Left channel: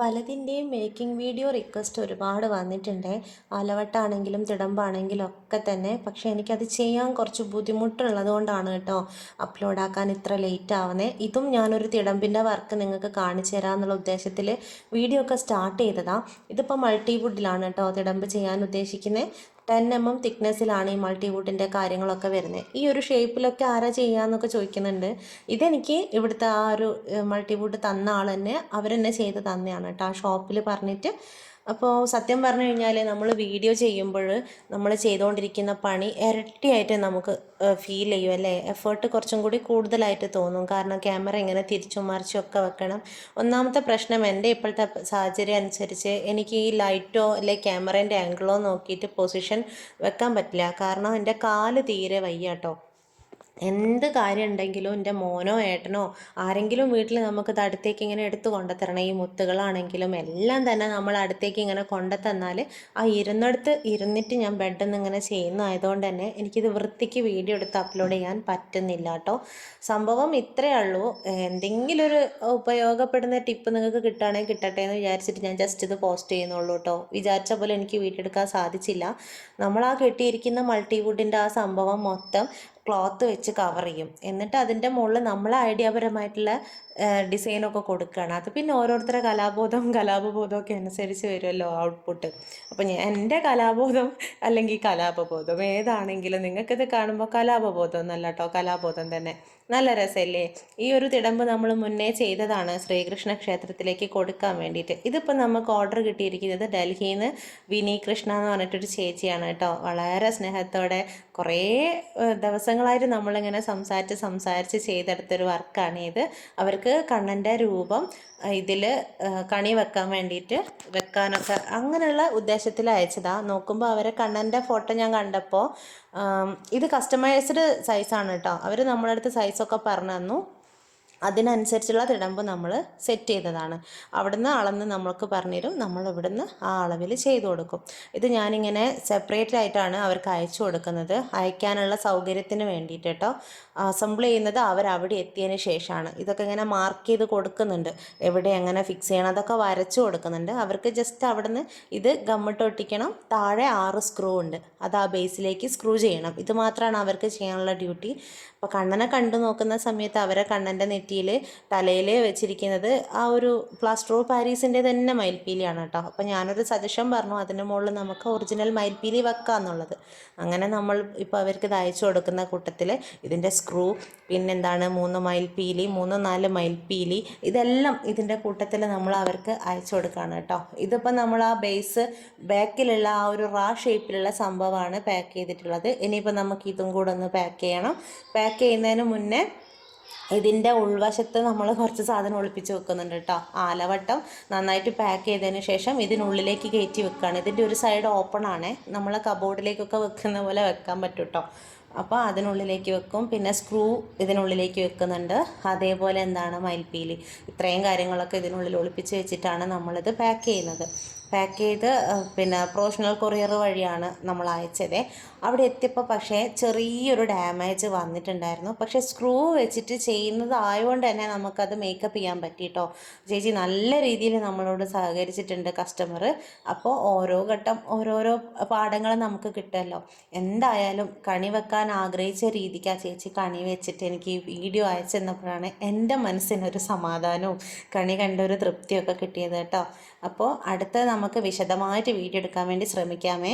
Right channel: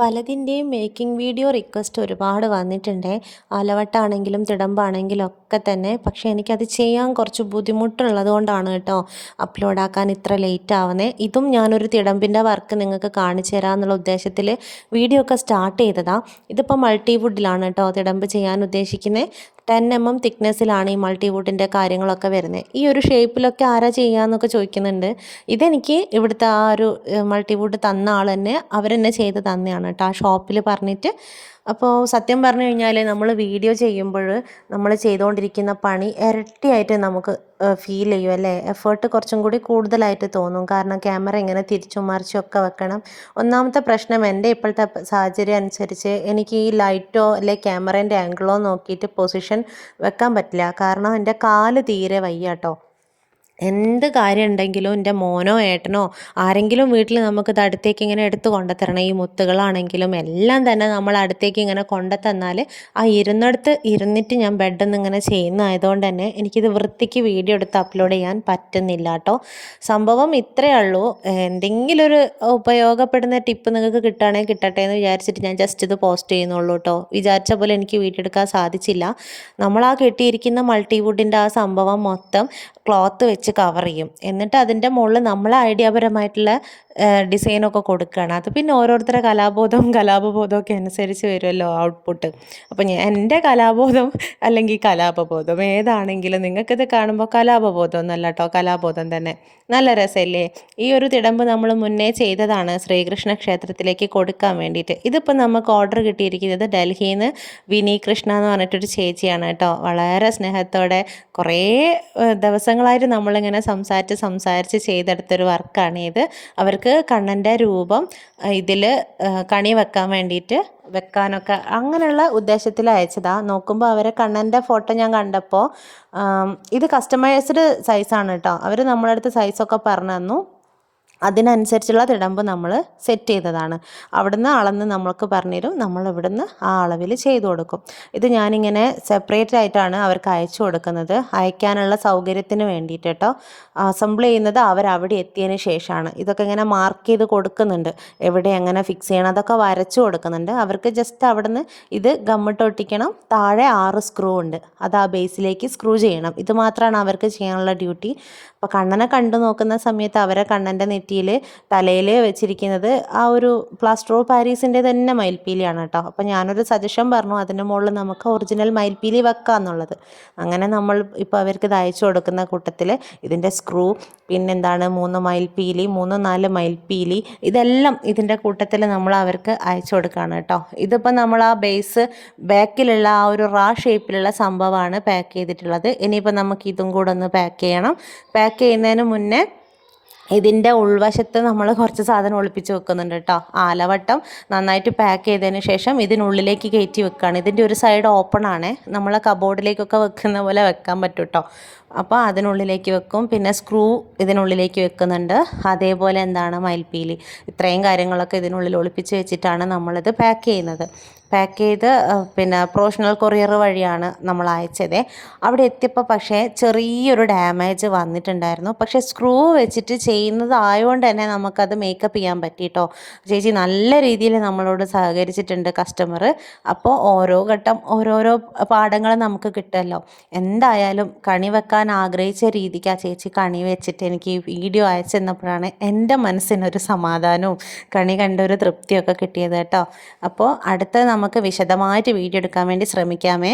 പലതിൻ്റെയും making video request ഒരുപാട് വന്നിട്ടുണ്ട്. ആലവട്ടാണെങ്കിലും തിടമ്പാണെങ്കിലും ഒക്കെ തന്നെ. പക്ഷേ എനിക്കത് ചെയ്യാൻ കുറച്ച് ബുദ്ധിമുട്ടുള്ളത് കൊണ്ടാണ് കേട്ടോ അപ്ലോഡ് ആക്കാൻ ഇത്ര ലേറ്റ് ആവുന്നത്. ഇതും ഞാനൊരു തിടമ്പിൻ്റെ വർക്ക് നിങ്ങൾക്ക് കാണിച്ചു തരാമെന്നുള്ള ഉദ്ദേശത്തിൽ വീഡിയോ ഒക്കെ സ്റ്റാർട്ട് ചെയ്തതാണ്. ഇതിപ്പോൾ മൾട്ടിവുഡിലാണ് കേട്ടോ തിടമ്പ് ചെയ്യാൻ ഉദ്ദേശിക്കുന്നത്. 10 mm തിക്നെസ്സിലാണ് ഈ മൾട്ടിവുഡിൻ്റെ കാര്യങ്ങളൊക്കെ വരുന്നത്. ഈ ഒരു ഷേപ്പിലൊക്കെ ആരാ ചെയ്യാമെന്നൊക്കെ ചോദിക്കുന്നുണ്ട്. ഇതെനിക്ക് ഇവിടുത്തെ ആ ഒരു മൾട്ടിവുഡ് തന്ന ആൾ തന്നെ അവരെന്നെ ചെയ്ത് തന്നെയാണ് കേട്ടോ, ആ ഷോപ്പിൽ പറഞ്ഞിട്ട്. അപ്പോൾ സത്യം പറഞ്ഞു കഴിഞ്ഞാൽ നമ്മൾ വീഡിയോ ചെയ്യുമ്പോൾ നമ്മൾ ചെയ്തുകൊണ്ടിരിക്കുന്ന പണി ഇരട്ടിയായിട്ട് നമുക്ക് ഫീൽ ചെയ്യും അല്ലേ. എഫേർട്ട് കുറച്ചും കൂടി കൂടുതലായിട്ട് തോന്നും. കാരണം ക്യാമറ ഇങ്ങനെ തിരിച്ചും മറിച്ചും ഒക്കെ വെക്കണം. ഒന്നാമത്തെ പ്രശ്നം എൻ്റെ ഇപ്പോഴത്തെ സാഹചര്യം അനുസരിച്ച് എനിക്ക് ഈ ലൈറ്റോ അല്ലെ ക്യാമറേൻ്റെ ആംഗിളോ നോക്കിയിട്ട് പൊസിഷൻ വെക്കാൻ പറ്റില്ല. കാരണം എൻ്റെ കാല് തീരെ വയ്യ കേട്ടോ. എന്ത് കാര്യം ഉണ്ടെങ്കിലും എൻ്റെ മോനോ ഏട്ടനോ ആരെങ്കിലും വീട്ടിൽ നമുക്കിത് അടുത്തേക്ക് ഇങ്ങനെ എടുത്ത് കൊണ്ടുത്തരണം. ഈ മുത്തുകളാണെങ്കിലും എല്ലാം തന്നെ നമ്മൾ അടുത്തേക്ക് ഇങ്ങനെ കൊണ്ടുത്തന്നാൽ ആ ഇരുന്നിടത്ത് ഇരുന്നിട്ട് ഞാൻ ബെഡിൽ നിന്ന് ഇങ്ങനെ ചെയ്യുന്നതായതുകൊണ്ട് തന്നെ എനിക്കിത് വൃത്തിക്ക് വീഡിയോ എടുത്ത് അപ്ലോഡ് ചെയ്യാൻ പറ്റുന്നില്ല കേട്ടോ. സംഭവം ഇത്രയേ ഉള്ളൂ. എന്തെങ്കിലും ഒരു ഉപയോഗപ്പെടുന്ന ടിപ്പ് നിങ്ങൾക്ക് കിട്ടുകയാണെങ്കിൽ കിട്ടട്ടെ എന്ന് വിചാരിച്ചിട്ട് ഞാൻ ജസ്റ്റ് ഇത് പോസ്റ്റ് ചെയ്യുന്നുള്ളൂ കേട്ടോ. വിചാരിച്ച പോലെ എനിക്ക് വീഡിയോ എടുക്കാൻ സാധിച്ചില്ല. നമ്മൾ ആ കെട്ടിയിരിക്കുന്ന മൾട്ടിവുഡിൻ്റെ ആ സംഭവം മൊത്തം ക്ലോത്ത് വെച്ച് കവർ ചെയ്യും. എന്നിട്ട് അതിൻ്റെ മുകളിൽ നമ്മൾ ഐഡിയാപരമായിട്ടുള്ള ഡിസൈനൊക്കെ കൊടുക്കുകയാണ്. അത് പിന്നെ ഓരോരുത്തരുടെ കലാപബോധവും ഒക്കെ അനുസരിച്ച് വരുമല്ലോ ഔട്ട്പുട്ട്. അപ്പോൾ എൻ്റെ കലാബോധം അല്ലെങ്കിൽ കലാപബോധം ഏതാണെങ്കിലും നിങ്ങൾക്കിത് കാണുമ്പോൾ കലാപബോധം എന്നല്ല കേട്ടോ, കലാബോധം തന്നെ. നല്ല രസമല്ലേ? ഈ ഒരു തിടമ്പ് നമ്മൾ മുന്നേ ചെയ്തതാണ് ശ്രീകൃഷ്ണ ക്ഷേത്രത്തിലേക്ക് കൊടുക്കാൻ വേണ്ടിയിട്ട്. ഇതിപ്പോൾ നമുക്ക് ഓർഡർ കിട്ടിയിരിക്കുന്നത് ഡൽഹിയിൽ നിന്ന് വിനി കൃഷ്ണ എന്ന് പറഞ്ഞിട്ടൊരു ചേച്ചിയാണ് കേട്ടോ. വളരെ സ്നേഹത്തോടെ കുറേ ദിവസങ്ങളായിട്ട് നമ്മളിങ്ങനെ സംസാരിച്ച് ചെയ്തെടുത്തൊരു വർക്കാണ് ഇത്. അവർക്ക് കണ്ണൻ്റെ രൂപം ഇതിൽ കണി വെക്കാൻ വേണ്ടിയിട്ട് വെക്കാനൊക്കെ അങ്ങനെയുള്ള ഉദ്ദേശത്തിൽ അയച്ചതാണ്. നോക്കുമ്പോൾ അവരെ കണ്ണൻ്റെ ഫോട്ടോ ഞാൻ കണ്ടപ്പോൾ ഇത് കസ്റ്റമൈസ്ഡ് സൈസാണ് കേട്ടോ. അവർ നമ്മളെ അടുത്ത് സൈസൊക്കെ പറഞ്ഞു തന്നു. അതിനനുസരിച്ചുള്ള തിടമ്പ് നമ്മൾ സെറ്റ് ചെയ്തതാണ്. അവിടുന്ന് അളന്ന് നമ്മൾക്ക് പറഞ്ഞുതരും, നമ്മൾ ഇവിടുന്ന് ആ അളവിൽ ചെയ്തു കൊടുക്കും. ഇത് ഞാനിങ്ങനെ സെപ്പറേറ്റ് ആയിട്ടാണ് അവർക്ക് അയച്ചു കൊടുക്കുന്നത്, അയക്കാനുള്ള സൗകര്യത്തിന് വേണ്ടിയിട്ട് കേട്ടോ. അസംബിൾ ചെയ്യുന്നത് അവരവിടെ എത്തിയതിന് ശേഷമാണ്. ഇതൊക്കെ ഇങ്ങനെ മാർക്ക് ചെയ്ത് കൊടുക്കുന്നുണ്ട്, എവിടെ എങ്ങനെ ഫിക്സ് ചെയ്യണം അതൊക്കെ വരച്ചു കൊടുക്കുന്നുണ്ട്. അവർക്ക് ജസ്റ്റ് അവിടുന്ന് ഇത് ഗമ്മിട്ട് ഒട്ടിക്കണം. താഴെ 6 സ്ക്രൂ ഉണ്ട്, അത് ആ ബേസിലേക്ക് സ്ക്രൂ ചെയ്യണം. ഇത് മാത്രമാണ് അവർക്ക് ചെയ്യാനുള്ള ഡ്യൂട്ടി. അപ്പോൾ കണ്ണനെ കണ്ടു നോക്കുന്ന സമയത്ത് അവരെ കണ്ണൻ്റെ നെറ്റിയിൽ തലയിൽ വെച്ചിരിക്കുന്നത് ആ ഒരു പ്ലാസ്റ്റർ ഓഫ് പാരീസിൻ്റെ തന്നെ മയിൽപ്പീലിയാണ് കേട്ടോ. അപ്പോൾ ഞാനൊരു സജഷൻ പറഞ്ഞു, അതിൻ്റെ മുകളിൽ നമുക്ക് ഒറിജിനൽ മയിൽപ്പീലി വെക്കാം എന്നുള്ളത്. അങ്ങനെ നമ്മൾ ഇപ്പോൾ അവർക്ക് ഇത് അയച്ചു കൊടുക്കുന്ന കൂട്ടത്തിൽ ഇതിൻ്റെ സ്ക്രൂ, പിന്നെന്താണ് 3 മയിൽപ്പീലി, 3-4 മയിൽപ്പീലി, ഇതെല്ലാം ഇതിൻ്റെ കൂട്ടത്തിൽ നമ്മൾ അവർക്ക് അയച്ചു കൊടുക്കുകയാണ് കേട്ടോ. ഇതിപ്പോൾ നമ്മൾ ആ ബേസ് ബാക്കിലുള്ള ആ ഒരു ഷേപ്പിലുള്ള സംഭവമാണ് പാക്ക് ചെയ്തിട്ടുള്ളത്. ഇനിയിപ്പോൾ നമുക്ക് ഇതും കൂടെ ഒന്ന് പാക്ക് ചെയ്യണം. പാക്ക് ചെയ്യുന്നതിന് മുന്നേ ഇതിൻ്റെ ഉൾവശത്ത് നമ്മൾ കുറച്ച് സാധനം ഒളിപ്പിച്ച് വെക്കുന്നുണ്ട് കേട്ടോ. ആലവട്ടം നന്നായിട്ട് പാക്ക് ചെയ്തതിന് ശേഷം ഇതിനുള്ളിലേക്ക് കയറ്റി വെക്കുകയാണ്. ഇതിൻ്റെ ഒരു സൈഡ് ഓപ്പൺ ആണ്, നമ്മളെ കബോർഡിലേക്കൊക്കെ വെക്കുന്ന പോലെ വെക്കാൻ പറ്റും കേട്ടോ. അപ്പോൾ അതിനുള്ളിലേക്ക് വെക്കും. പിന്നെ സ്ക്രൂ ഇതിനുള്ളിലേക്ക് വെക്കുന്നുണ്ട്. അതേപോലെ മയിൽപ്പീലി, ഇത്രയും കാര്യങ്ങളൊക്കെ ഇതിനുള്ളിൽ ഒളിപ്പിച്ച് വെച്ചിട്ടാണ് നമ്മളിത് പാക്ക് ചെയ്യുന്നത്. പാക്ക് ചെയ്ത് പിന്നെ പ്രൊഫഷണൽ കൊറിയർ വഴിയാണ് നമ്മൾ അയച്ചത്. അവിടെ എത്തിയപ്പോൾ പക്ഷേ ചെറിയൊരു ഡാമേജ് വന്നിട്ടുണ്ടായിരുന്നു. പക്ഷേ സ്ക്രൂ വെച്ചിട്ട് ചെയ്യുന്നത് ആയതുകൊണ്ട് തന്നെ നമുക്കത് മേക്കപ്പ് ചെയ്യാൻ പറ്റിയിട്ടോ. ചേച്ചി നല്ല രീതിയിൽ നമ്മളോട് സഹകരിച്ചിട്ടുണ്ട് കസ്റ്റമർ. അപ്പോൾ ഓരോ ഘട്ടം ഓരോരോ പാഠങ്ങൾ നമുക്ക് കിട്ടുമല്ലോ. എന്തായാലും കണി വെക്കാൻ ആഗ്രഹിച്ച രീതിക്ക് ആ ചേച്ചി കണി വെച്ചിട്ട് എനിക്ക് ഈ വീഡിയോ അയച്ചു തന്നപ്പോഴാണ് എൻ്റെ മനസ്സിനൊരു സമാധാനവും കണി കണ്ട ഒരു തൃപ്തിയൊക്കെ കിട്ടിയത് കേട്ടോ. അപ്പോൾ അടുത്ത നമുക്ക് വിശദമായിട്ട് വീഡിയോ എടുക്കാൻ വേണ്ടി ശ്രമിക്കാമേ.